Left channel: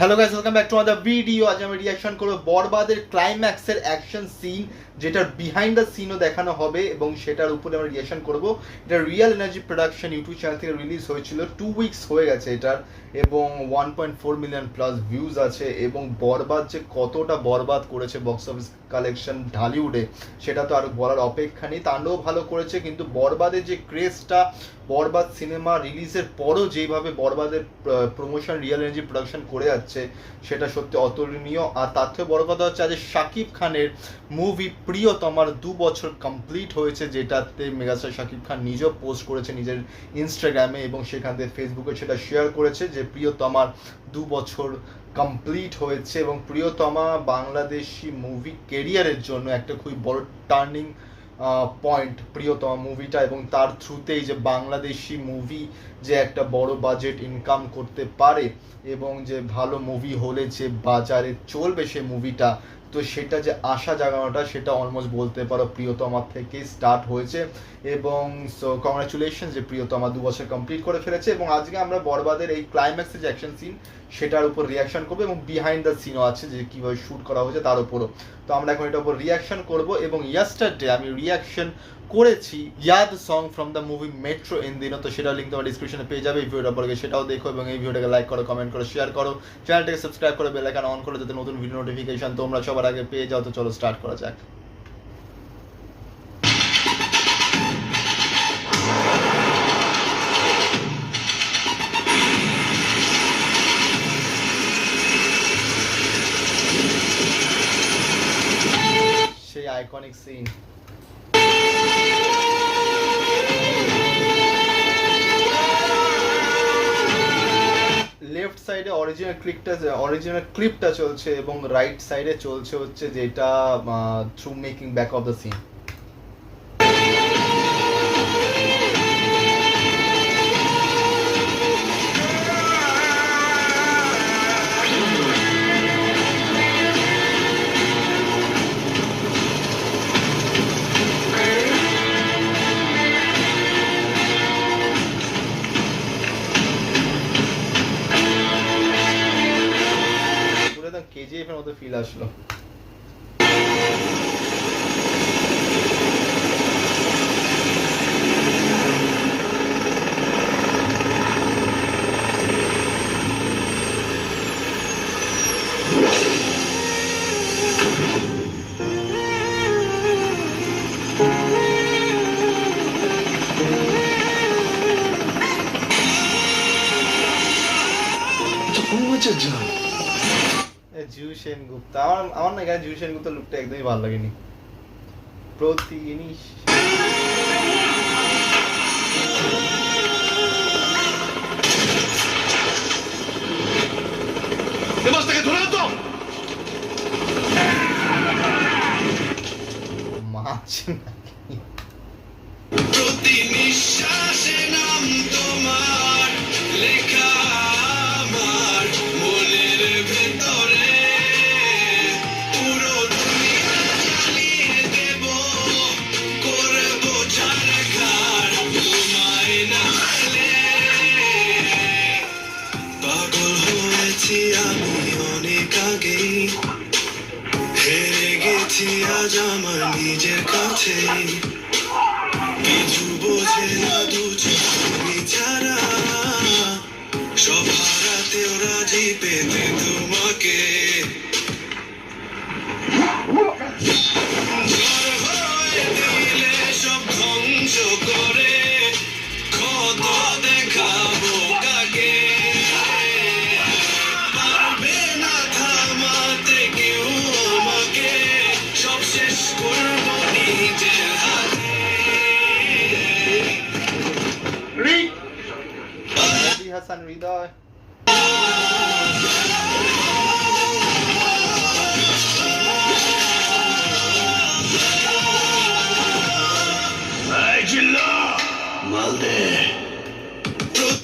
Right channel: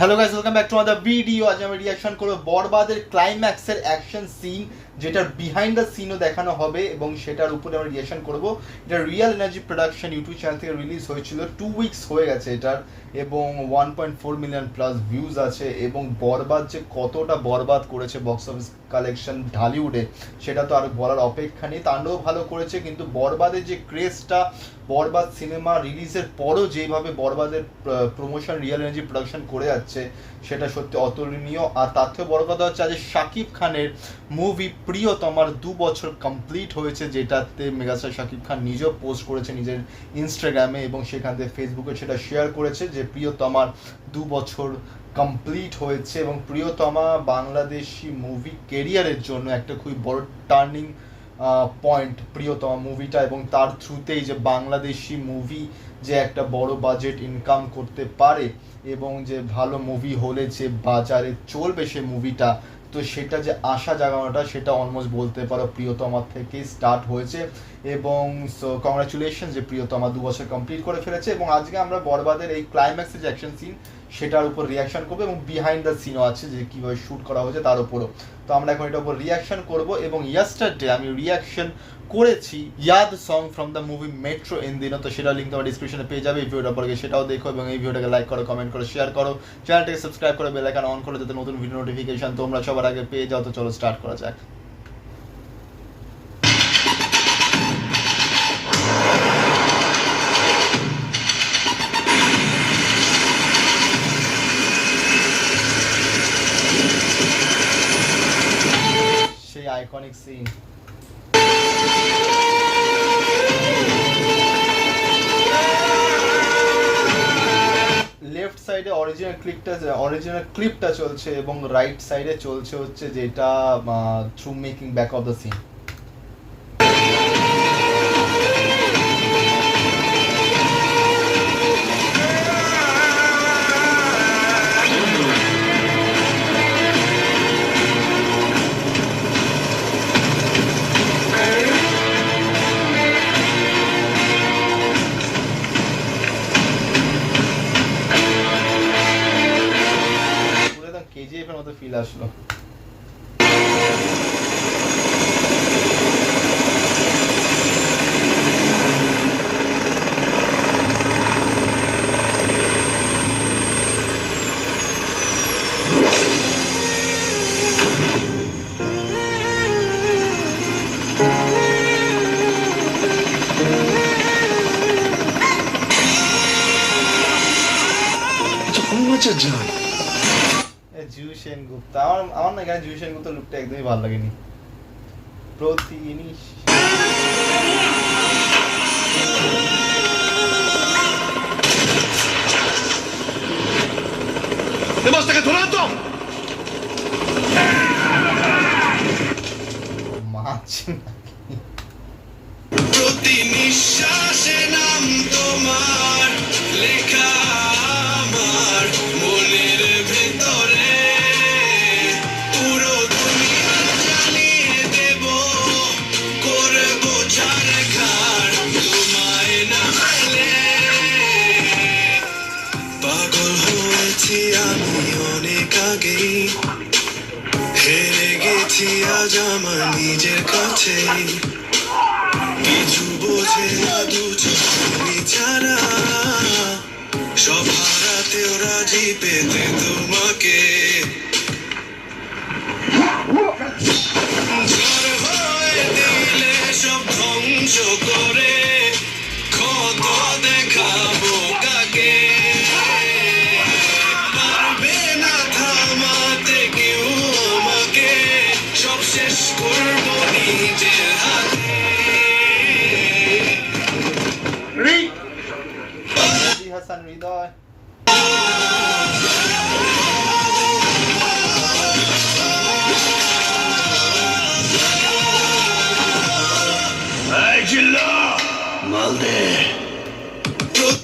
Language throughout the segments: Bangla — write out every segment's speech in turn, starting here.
Hello guys, welcome back to other video. আজ আমি রিঅ্যাকশন করব বরবাদের ক্লাইম্যাক্সের অ্যাকশন সিন, যেটার বিহাইন্ড দ্য সিনও দেখানো হবে এবং সেটার উপরে আমরা রিঅ্যাকশন করব। এটা real energy production YouTube channel থেকে রিলিজ হয়েছিল, 2 উইকস হয়ে গেছে এটার, এবং 1.4 মিলিয়ন প্লাস ভিউজ আছে। এবং বরবাদ যে কতটা বরবাদ করেছে বক্স অফিস কালেকশন ঢালিউডে, সেটা তো আর বলার অপেক্ষা নেই। তাণ্ডব ভালো করেছে, কিন্তু বরবাদের যে ক্রেজটা, বরবাদ সিনেমা রিলিজের পরও যেভাবে বরবাদের প্রমোশন রিয়েল এনার্জি প্রোডাকশন করে যাচ্ছে, সেটা সত্যি অতুলনীয়। আর তার থেকে বড় কথা হচ্ছে, আজ শাকিব খানের মুভি প্রিয়তমার 2 বছর কমপ্লিট হয়েছে, যেটাতে মেগাস্টার শাকিব খান নিজেও পোস্ট করেছে নিজের ইনস্টাগ্রামে, এবং সেখান থেকে ফেসবুকে সেটা শেয়ার করেছে যে প্রিয়তমার 2 বছর কমপ্লিট হয়েছে। এবং প্রিয়তমা বাংলাদেশি মুভি কেরিয়ারের জন্য একটা খুবই বড় টার্নিং পয়েন্ট প্রিয়তমা মুভিটা, এবং তার থ্রুতেই যে বাংলাদেশি মুভি যে একটা বড় বাজেট ইনকাম করতে পারে, এবং যে ভালো মুভি হলে যে বাজারে চলবে সে মুভিটা, তো সেটা যে আশা জাগানোটা, সেটা অলমোস্ট বলতে পারো প্রিয়তমা থেকে স্টার্ট হয়েছে। এবং সো কংগ্রাচুলেশন যে প্রিয়তমা 2 বছর কমপ্লিট করে ফেলেছে। এবং আজকে আমরা বরবাদের এই ক্লাইম্যাক্সের যে অ্যাকশন সিন, সেটার উপর রিয়াকশন করবো, এবং বিহাইন্ড দ্য সিনও আছে যে কীভাবে শ্যুট করা হয়েছে তার উপরও। তো আমরা এখন এটার উপর রিয়াকশন করবো। এবং ইয়েস্টারডে আমি রিয়াকশন করেছি Yaad song from the movie Metro In Dino, তো সেটার লিঙ্ক তোমার ডিসক্রিপশনে পেয়ে যাবে। এই ভিডিওটা পরে সেটাও দেখো, এবং এই ভিডিওটাকে লাইক করো, কমেন্ট করো, শেয়ার করো, চ্যানেলটাকে সাবস্ক্রাইব করে বেল আইকন অন করে, যাতে নতুন ভিডিও নোটিফিকেশন তোমরা সবার আগে পেয়ে যাও। তো চলো স্টার্ট করা যাক। সেই আইকনিক সিন। লেফট সাইডে অরিজিনাল ক্লিপটা চলছে, এবং রাইট সাইডে চলছে হচ্ছে যেটা through making back of the scene. KGF এর মতো ফিল আসলো। জিউ সেনগুপ্ত, আমার না এখানে জিউ সেনগুপ্তের লুকটা একদমই ভালো লাগেনি। প্রতিনিশ মাছ নাকি? প্রতি নিঃশ্বাসে নাম তোমার লেখা আমার মনের ভেতরে, পুরো দুনিয়া জ্বালিয়ে দেব, করব ছাড়খাড় তোমায় না পেলে। পাগল হয়েছি আমি অনেক আগেই, হেরে গেছি আজ আমার নিজের কাছেই, কিছু বোঝে না দু চোখে ছাড়া, সব হারাতেও রাজি পেতে তোমাকে। ঝড় হয়ে দিলে সব ধ্বংস করে, কত দেখাবো কাকে, পারবে না থামাতে কেউ আমাকে, সব শেষ করবো নিজের হাতে। হাসান হৃদয়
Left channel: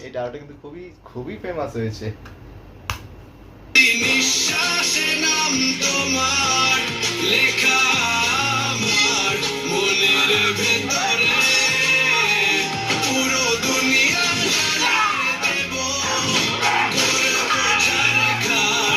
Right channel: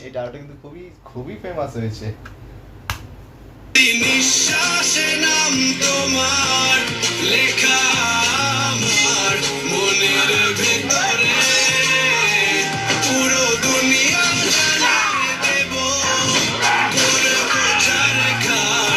এই ডায়লগটা কিন্তু খুবই খুবই ফেমাস হয়েছে। নিঃশ্বাসে নাম তোমার লেখা আমার মনের ভেতরে, পুরো দুনিয়া জ্বালিয়ে দেব, করব ছাড়খাড়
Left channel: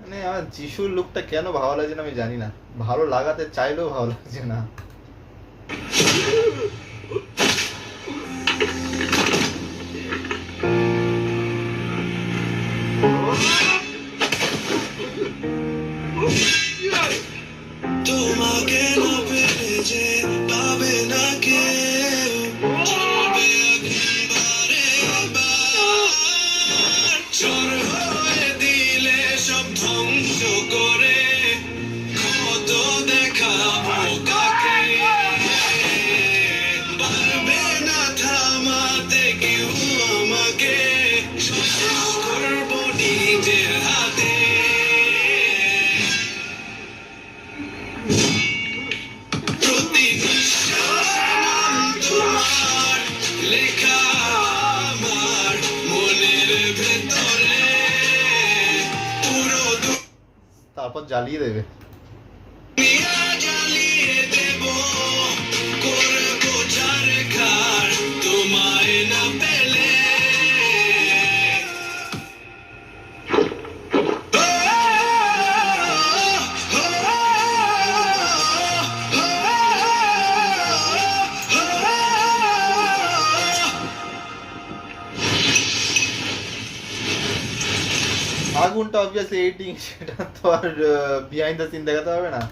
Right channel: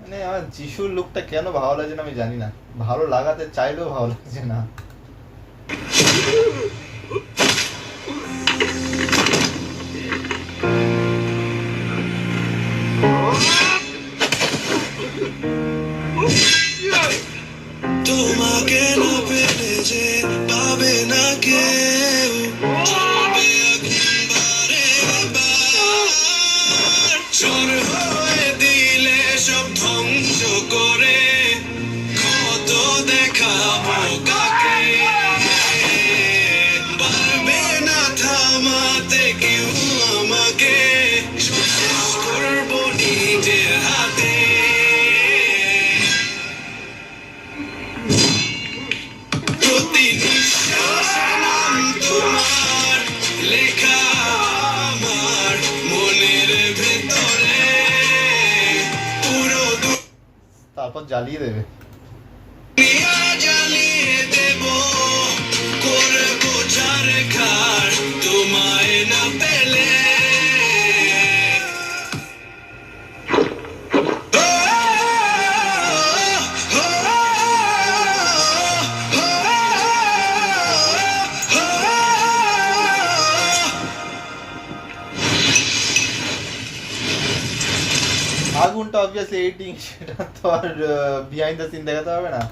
মানে আমার যিশুর লুকটা কেন ভালো লাগছে না আমি জানি না, ভালো লাগাতে চাইলেও ভালো লাগছে না। তোমাকে না পেলে যে পাবে না কেউ, চলবে একবারে বার। চোর হয়ে দিলে সব ধ্বংস করে, কত দেখাবো কাকে। পারবে না থামাতে কেউ আমাকে, শেষ করবো নিজের হাতে। প্রতি নিঃশ্বাসে নাম তোমার লেখা আমার মনের ভেতরে, পুরো তারপর জ্বালিয়ে দেবে। দুনিয়া জ্বালিয়ে দেব, করবো ছারখার তোমায় না পেলে। আগুনটা অবভিয়াসলি এডিটিং, সেটা তো আর বিহাইন্ড দ্য সিন দেখাতে হবে না।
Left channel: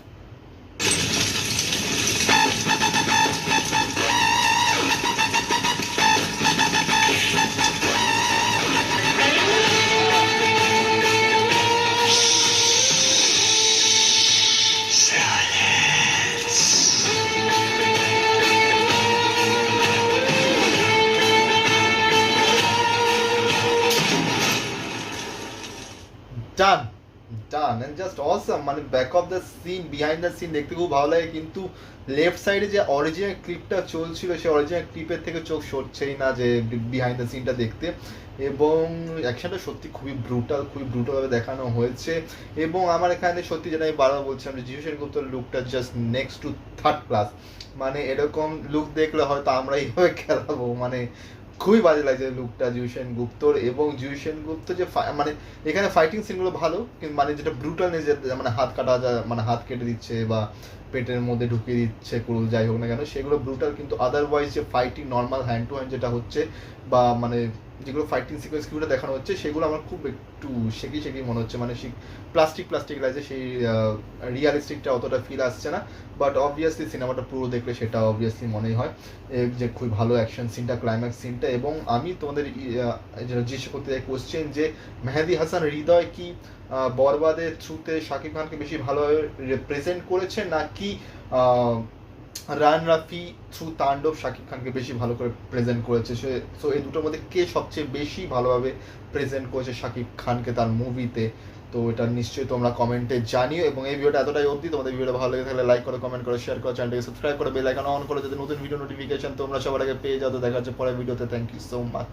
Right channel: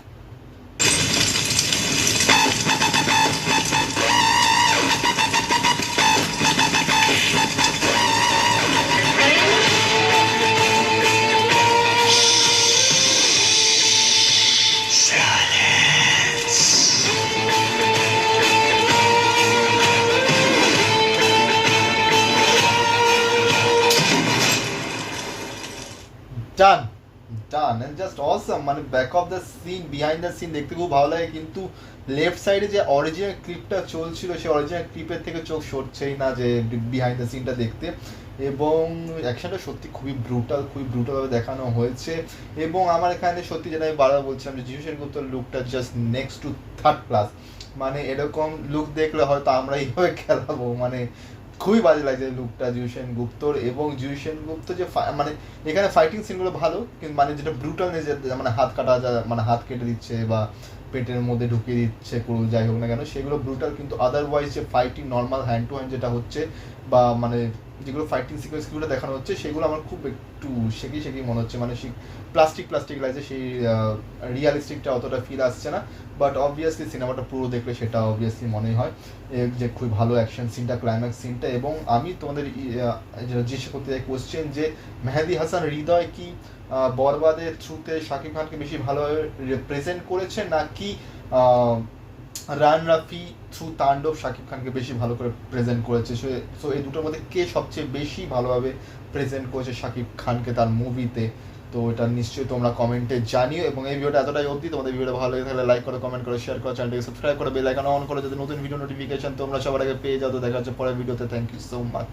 Done done and just awesome. মানে back of the scene, behind the scene দেখতে খুব ভালো লাগে, কিন্তু লেফট সাইডে যে অরিজিনাল ক্লিপটা চলছিল সেই অরিজিনাল ক্লিপের থেকে চোখ সরছেই না যে বিহাইন্ড দ্য সিনটা দেখতে। এবং অ্যাকশনটা সত্যি খুবই ব্রুটালভাবে দেখানো হয়েছে। এবং আমার এখানে সত্যি যেটা আমি বারবার বলছিলাম যে যিশু সেনগুপ্তর লুকটা just next to third class. মানে এরকম লুক দেখলে হয়তো আমরা এইভাবে খেলাবো, মানে খুবই বাজে লাগছে লুকটা যিশু সেনগুপ্তর। এবং যিশু সেনগুপ্ত যে মানে এখানে ফাইটিং সিনগুলো ভালো, কিন্তু মানে যেটা ব্রুটালনেস, মানে হাত কাটা মানে হাত কেটে দিচ্ছে বা পেটের মধ্যে ঢুকিয়ে দিচ্ছে কুরুল, যাই হোক না কেন সেগুলো ব্রুটাল, কিন্তু আদারওয়াইজ যে fighting normal hand to hand যেটা হচ্ছে বা মানে যেগুলো ফাইটিং সিকোয়েন্সগুলো দেখানো হচ্ছে সেগুলো আমার খুব একটু শেকি মনে হচ্ছে, মানে প্লাস্টিক লাগছে, সেই রিয়ালিস্টিকটা অতটা ফিল আসছে না। বাট অবভিয়াসলি সিনেমাটা পুরো দেখলে সেটা অবভিয়াসলি মনেই হয় যে খুবই ভালো অ্যাকশন সিনটা, ক্লাইম্যাক্স সিনটা। এবং আমি তোমাদের জিজ্ঞেস করতে চাই কোশ্চেন যে মেহেদী হাসান হৃদয় কি বরবাদের থ্রুতে শাকিব খানকে বেশি ভালোভাবে রিপ্রেজেন্ট করেছে, নাকি রান রাফি থ্রু তাণ্ডব শাকিব খানকে বেশি ভালো করে প্রেজেন্ট করেছে? সো এই দুটোর মধ্যে কে সবচেয়ে বেশি ভালোভাবে প্রেজেন্ট করেছে শাকিব খানকে তার মুভিতে? তো এটা নিশ্চয়ই তোমরা কমেন্টে জানিও। এবং এই ভিডিওটা এতটাই অবধি। তোমাদের ভিডিওটা ভালো লেগে থাকলে লাইক করো, কমেন্ট করো, শেয়ার করো, চ্যানেলটাকে সাবস্ক্রাইব করো, বেল আইকন অন করো যাতে নতুন ভিডিও নোটিফিকেশন তোমরা সবার আগে পেয়ে যাও। তো দেখা হচ্ছে পরের ভিডিওতে। Thank you so much.